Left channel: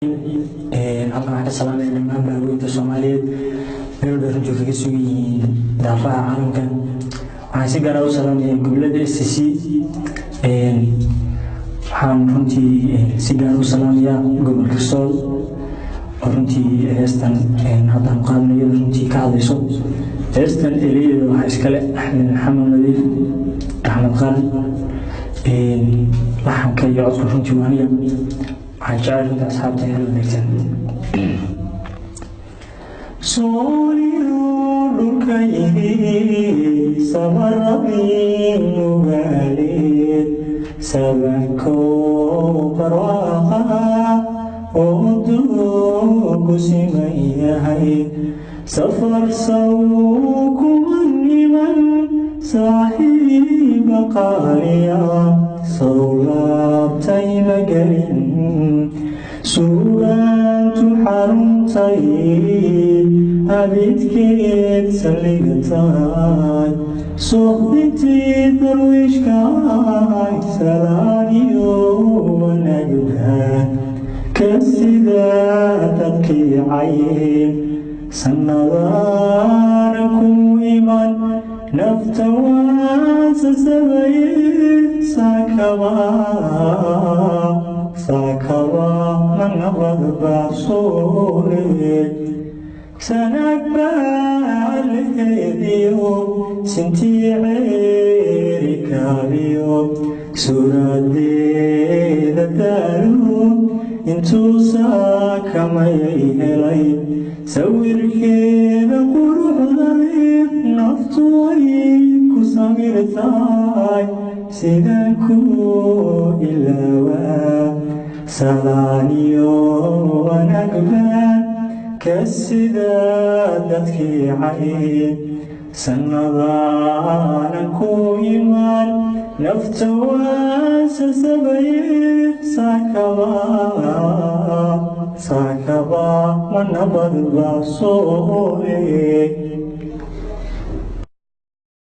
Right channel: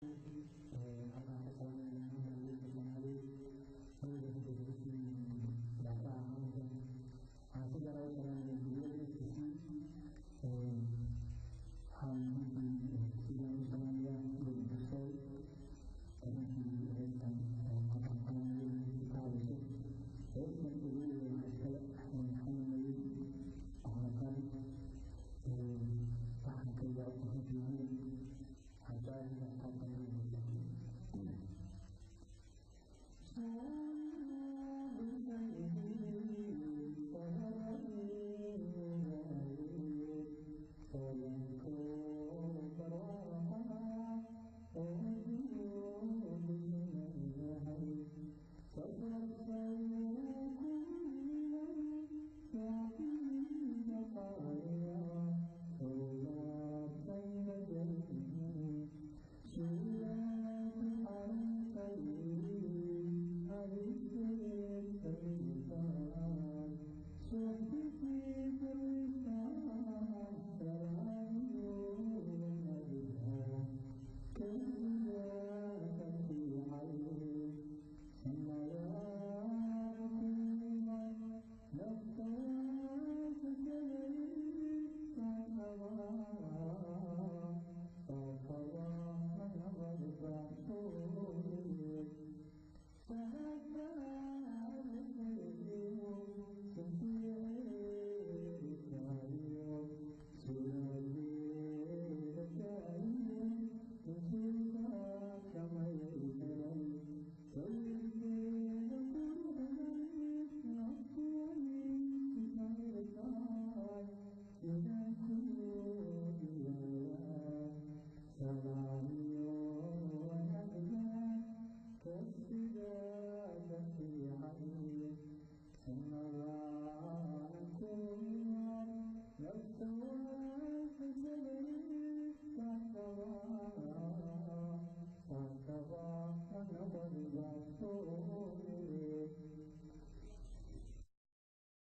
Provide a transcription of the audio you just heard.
halkan waxaan ka salaamayaa dhammaan baabuurta Soomaaliyeed meel walba runtii kaga sugan yihiin daafaha caalamka. Waxaan si gaar ah u salaamayaa gobollada SCC. Waxaan runtii si gaar ah u salaamayaa gobolka Sool oo runtii heestan hadda aan qaadanayo runtii ka hadlayso. Heestan ereyada waxaa iskale Axmed Maxamed Nadiif Axmed Qaran. Laxanka iyo codka runtii waa aniga. waxaan jecel asxaabta inay wanaagsan Sooliyo dhulka yidhi sabarabin mugaaleed sabanko barwaaqa oo duugu siman yahay safar saw kuma niman saaxiiba qaaliya sawlaabtay magelin suugaantu xaruntay abidkeed saldhigataay suuqdintii darwiishkaay salaaniyo wanaagba ka sida dadkii cayn sannadaana ku iman nafta waan sasabaye saakaba manabad bacsuuleed sanag baaleediyo sintii ceerikaabiyo suuradeeda daalo intuu saakamayay helay sawirkeeda quruxdayd naftu ay ku samirtaay sidaan ku ilaawaa salaaniyo wanaagba ka sida dadkii cayn sannadaana ku iman nafta waan sasabaye saakaba manabad bacsuuleed